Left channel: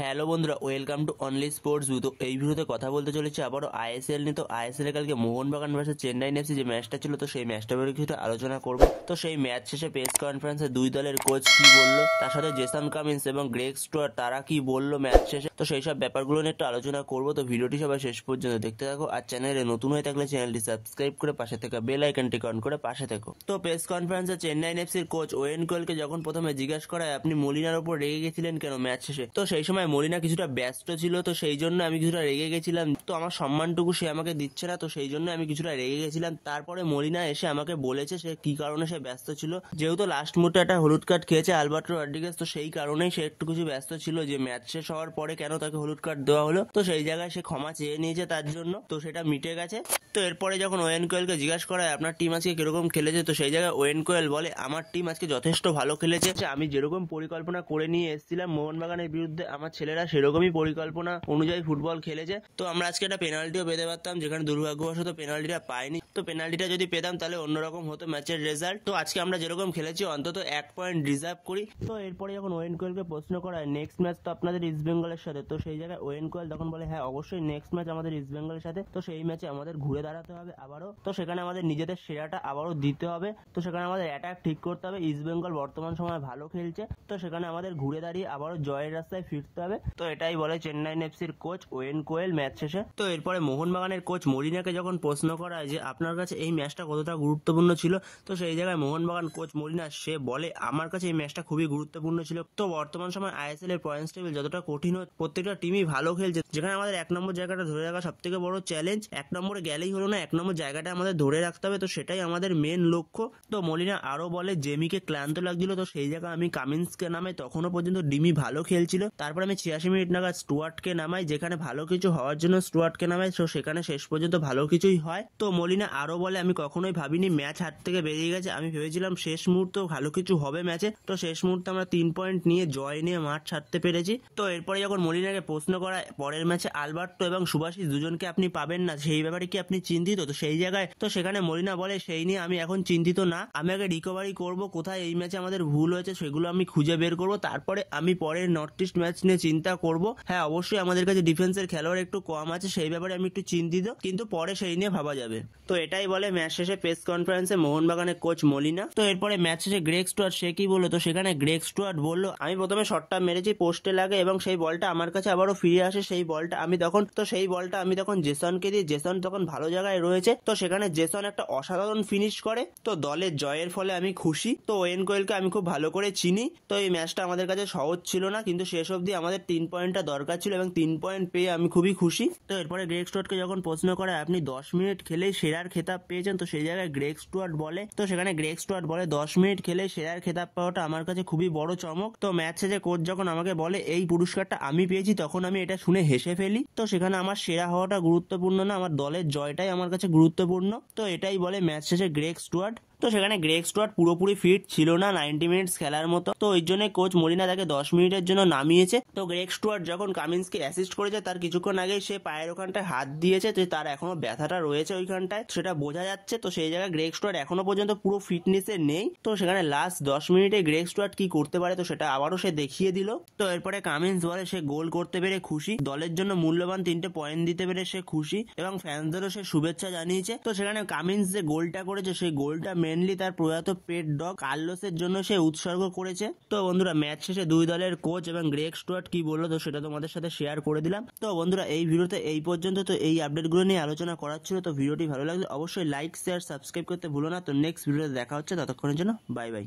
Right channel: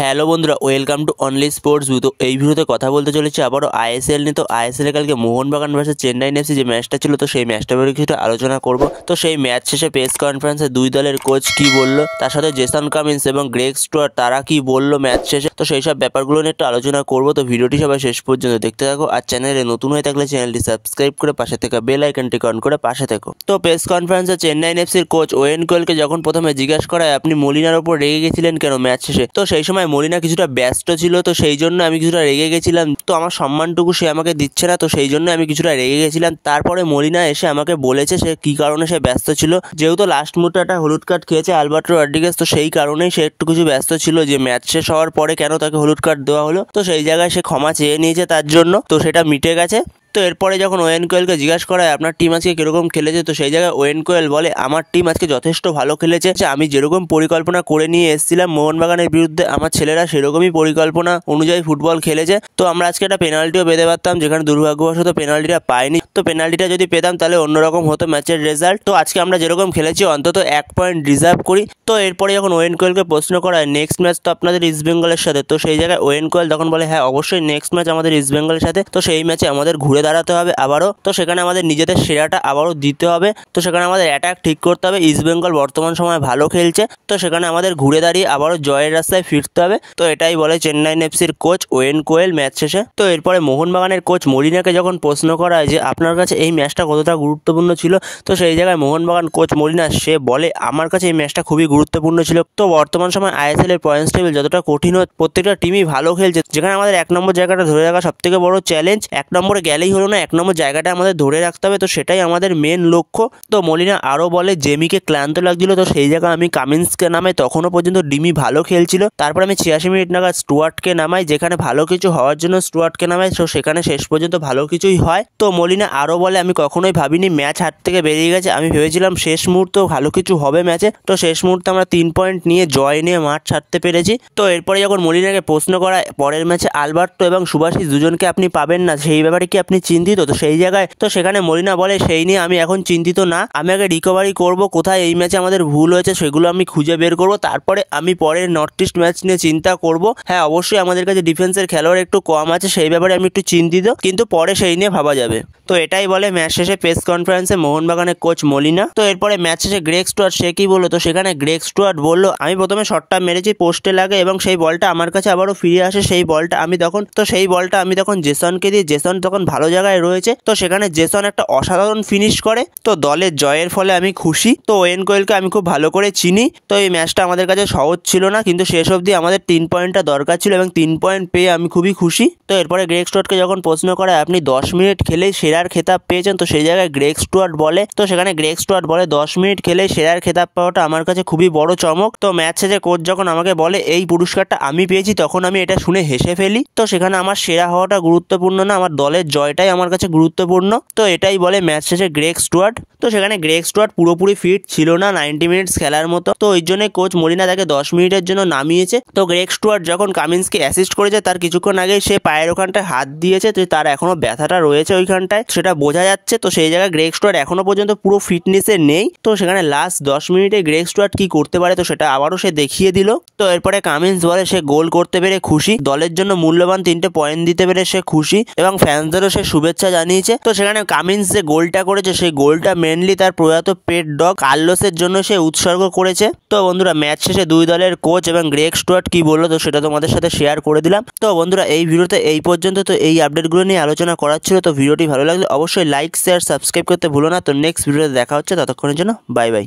Hello বন্ধুরা, welcome to only sports view. তো এই ভিডিওতে কথা বলতে চলেছি আবারও আইএসএল নিয়ে। তো আইএসএল কালকে মোহনবাগান ভার্সেস চেন্নাই এফসি যে ম্যাচটা ছিল, তো সেই ম্যাচটা ব্যাপারে কিছুটা আলোচনা করব। তো সেই ম্যাচ শেষে প্রেস কনফারেন্সে দুই দলের কোচ কি বললো, তার সাথে জেসন কামিন্স এবং গ্রেগ স্টুয়ার্ট তারা কি বললো ম্যাচ শেষে, তো সেই সব ব্যাপারগুলো নিয়ে একটু আলোচনা করব। তো ভিডিওটি সবাই শেষ পর্যন্ত দেখতে থাকো, আর চ্যানেলে নতুন হয়ে থাকলে চ্যানেলটি সাবস্ক্রাইব করে পাশে থেকে বেল আইকনটি অন করে পাশে থেকো। তো প্রেস কনফারেন্সে চেন্নাই এফসির কোচ ওয়েন কোয়েলকে যখন প্রথমে জিজ্ঞাসা করায় আপনি মলিনার ওপর রেগে গেছিলেন কেন ম্যাচ শেষে, তো সেই সময় মলিনা কিছুটা ব্যস্ত ছিল, তো সেই জন্য আমি কিছুটা রেগে গেছিলাম। তো আমার সম্মানটুকু সে আমাকে দিচ্ছে না, তো সেই জন্য আমি কিছুটা রেগে গেছিলাম। তারপরে মলিনা এসে আমাকে বলেছে সে কি কারণে সে ব্যস্ত ছিল, যেহেতু লাস্ট মুহূর্তে একটা হলুদ কার্ড খেয়েছে আলবার্টো রড্রিগেজ, তো সেই কারণেই সে একটু কিছু ব্যস্ত ছিল যে ম্যাচ শেষ হওয়ার পরে কেন তাকে হলুদ কার্ড দেওয়া হলো। তো সেই জায়গায় সে ক্ষমা চেয়ে নিয়েছে তার জন্য, তো সেটা মিটে গেছে। তো এরপরে যখন ওয়েন কোয়েলকে জিজ্ঞাসা করা হয় আপনার টিম আজকে কিরকম খেলেছে, তো সেই জায়গায় ওয়েন কোয়েল বলে আমার টিম আজকে যথেষ্ট ভালো খেলেছে। আমি যেরকম পরিকল্পনা করে নিয়ে এসেছিলাম মোহনবাগানের বিরুদ্ধে, আমার ছেলেরা সেরকমই পরিকল্পনা অনুযায়ী ফুটবল খেলেছে। তো আমরা আজকে একটা পেনাল্টিও পেতে পারতাম, যেখানে দুর্ভাগ্যবশত পেনাল্টিটা পাইনি। তো পেনাল্টিটা যদি পেতাম তাহলে অন্যরকম হতো ম্যাচের রেজাল্ট। তো আজকে আমরা যেরকম খেলেছি অন্তত 1 পয়েন্ট ডিজার্ভ করি। তো এরপরে যখন ওয়েন কোয়েলকে প্রশ্ন করা হয় নেক্সট ম্যাচ তো আপনাদের ইস্ট বেঙ্গলের সাথে, তো সেই জায়গায় ওয়েন কোয়েল তখন বলে হ্যাঁ অবশ্যই নেক্সট ম্যাচ আমাদের ইস্ট বেঙ্গলের সাথে। তো সেই ম্যাচে আমাদের ঘুরে দাঁড়াতে হবে আবারও, তো সেখানে আমাদের নিজেদের সেরাটা আবারও দিতে হবে। তো সেখানে আমাদের অ্যাটাক ঠিক করতে হবে। ইস্ট বেঙ্গল বর্তমান সময় ভালো খেলছে, তো সেখানে আমাদের ঘুরে দাঁড়িয়ে আবারও জয়ের রাস্তায় ফিরতে হবে। তো এটাই বলে চেন্নাই এফসির কোচ ওয়েন কোয়েল ম্যাচ শেষে। তো এরপরে মোহনবাগানের কোচ মলিনাকে যখন প্রশ্ন করা হয় যে আপনার কাছে এই ম্যাচটা কতটা গুরুত্বপূর্ণ ছিল, তো সেই জায়গায় মোহনবাগান কোচ মলিনা সে বলে আমার কাছে এই ম্যাচটা খুবই গুরুত্বপূর্ণ ছিল। তো বর্তমান সময় আইএসএল এর পয়েন্টস টেবিল যতটা কঠিন, প্রত্যেকটা টিমই ভালো খেলছে, যেখানে আমাদের 1 নম্বর জায়গাটা ধরে রাখা সব থেকে বড় চ্যালেঞ্জ। 1 নম্বরে গেলেই হলো না, 1 নম্বর জায়গাটা আমাদের ধরে রাখতে হবে, তো সেটাই আমাদের মেন লক্ষ্য। তো মলিনা আরও বলে জেমিকে ক্লান্ত লাগছিল, তো সেই জায়গায় আমি কামিন্সকে নামাই, তখনও পর্যন্ত ডিমি ভালো খেলছিল। তারপর আমি 86 মিনিট নাগাদ স্টুয়ার্টকে নামাই, যেখানে ভালো কিছু হওয়ার জন্য স্টুয়ার্টকে নামাই, তো সেখানে শেষ পর্যন্ত ভালো কিছুই হয়। তো মলিনা আরও বলে আমি কখনোই ভাবিনি ম্যাচ হাত থেকে বেরিয়ে গেছে, আমি ভেবেছিলাম শেষ মুহূর্তেও ভালো কিছু হবে ম্যাচে। তো শেষ মুহূর্তে আমরা 3 পয়েন্ট নিয়ে জয় নিয়ে মাঠ ছাড়তে পেরেছি। তো এরপরে যখন মলিনাকে প্রশ্ন করা পরের ম্যাচে আলবার্টো এবং সুভাশিস দুজনকে আপনি পাবেন না, সেই ব্যাপারে কি আপনি চিন্তিত, তো সেই জায়গায় তো সেখানে মলিনা বলে সেই নিয়ে আমি এখন চিন্তিত না, আমি আগে রিকভারি করব, কোথায় এই ম্যাচে আমাদের ভুল হয়েছে সেগুলো আমি খুঁজে বের করব, তারপরে আমি পরের নর্থ ইস্ট ম্যাচ নিয়ে চিন্তা করব। হ্যাঁ অবশ্যই আমাদের কাছে ডিফেন্সের খেলোয়াড় একটু কম আছে, সেই ব্যাপারে আমি একটু চিন্তিত, কিন্তু পরে সেই নিয়ে ভাবা যাবে। তো এটাই বলে ম্যাচ শেষে প্রেস কনফারেন্সে মোহনবাগানের কোচ মলিনা। তো এরপরে ম্যাচ শেষে গ্রেগ স্টুয়ার্ট সে কি বললো, তো সেখানে গ্রেগ স্টুয়ার্ট বললো আমি প্রথমে শটটা মেরেছি, পোস্টে লাগে এবং সেই বলটা আমার কাছে আবারও ফিরে আসে, সেই বলটা আমি তখন জেসনকে দিই, জেসন তখন ভালো জায়গায় রয়েছে, তো সেখানে জেসন একটা অসাধারণ ফিনিশ করে। তো দলের জয়ের ফলে আমি খুশি। তো ওয়েন কোয়েলকে আমি খুব ভালো করে চিনি। তো এই ম্যাচটা আমাদের কাছে সহজ ছিল না, কিন্তু শেষ অবধি আমাদের 3 পয়েন্টটা দরকার ছিল এবং 3 পয়েন্ট পেয়ে আমি খুবই খুশি। তো এরপরে গ্রেগ স্টুয়ার্টকে যখন প্রশ্ন করা আপনি 10 মিনিট খেলেই সেরার খেতাব পেয়েছেন, তো সেই জায়গায় গ্রেগ স্টুয়ার্ট বলে, তো সেখানে গ্রেগ স্টুয়ার্ট বলে 10 মিনিট খেলেই সেরার খেতাব পাওয়াটা আমার কাছে খুবই বড় চমক। তো ম্যাচ শেষে কোচ যখন আমাকে বলে এই পুরস্কারটা আমি পেয়েছি, তখন আমি এটা শুনে হেসে ফেলি। তো সেখানে আমার সেরা হওয়াটা গুরুত্বপূর্ণ না, আমার দলের জয়টাই আমার কাছে গুরুত্বপূর্ণ। তো এটাই বলে ম্যাচ শেষে গ্রেগ স্টুয়ার্ট। তো সেখানে গ্রেগ স্টুয়ার্ট পুরোপুরি ফিট ছিল না 90 মিনিটস খেলার মতো, তো ওই জন্য কোচ মলিনা তাকে 10 মিনিটের জন্য নামিয়েছে। তো গ্রেগ স্টুয়ার্ট যখন কামিন্সকে অ্যাসিস্ট করেছে তার কিছুক্ষণ আগে সে পায়ের ওখানটায় হাত দিয়েছে, তো তার এখনো ব্যথাটা রয়েছে ওইখানটায়, সেটা বোঝা যাচ্ছে। তো সেই জায়গায় গ্রেগ স্টুয়ার্ট এখনো পর্যন্ত পুরো ফিটনেসে নেই। তো সেখানে লাস্ট 10 মিনিটে গ্রেগ স্টুয়ার্ট কি করতে পারে, তো সেটা আবারও সে দেখিয়ে দিল। তো এরপরে কামিন্স বলে সে গোল করতে পেরে খুশি, দলের জন্য মূল্যবান 3টে পয়েন্ট দিতে পেরে সে খুশি এবং ফ্যান্সদেরও সে শুভেচ্ছা জানিয়েছে। তো সেখানে কামিন্স যে গোলটা করেছে সেই গোলটা মেনলি তার প্রয়াত পেট ডগ কার্লোসের জন্য সে উৎসর্গ করেছে। তো বন্ধুরা ম্যাচ শেষে দুই দলের কোচ এবং গ্রেগ স্টুয়ার্ট কি বললো, তো সেটা তোমাদের সাথে শেয়ার করে দিলাম। তো বন্ধুরা এই ভিডিওতে এই পর্যন্ত, তো এই আপডেটগুলো নিয়ে আলোচনা করার ছিল। তো ভিডিওটি ভালো লাগলে অবশ্যই লাইক শেয়ার সাবস্ক্রাইব করতে ভুলো না। তো নেক্সট ভিডিওতে দেখা হচ্ছে, ততক্ষণের জন্য বাই বাই।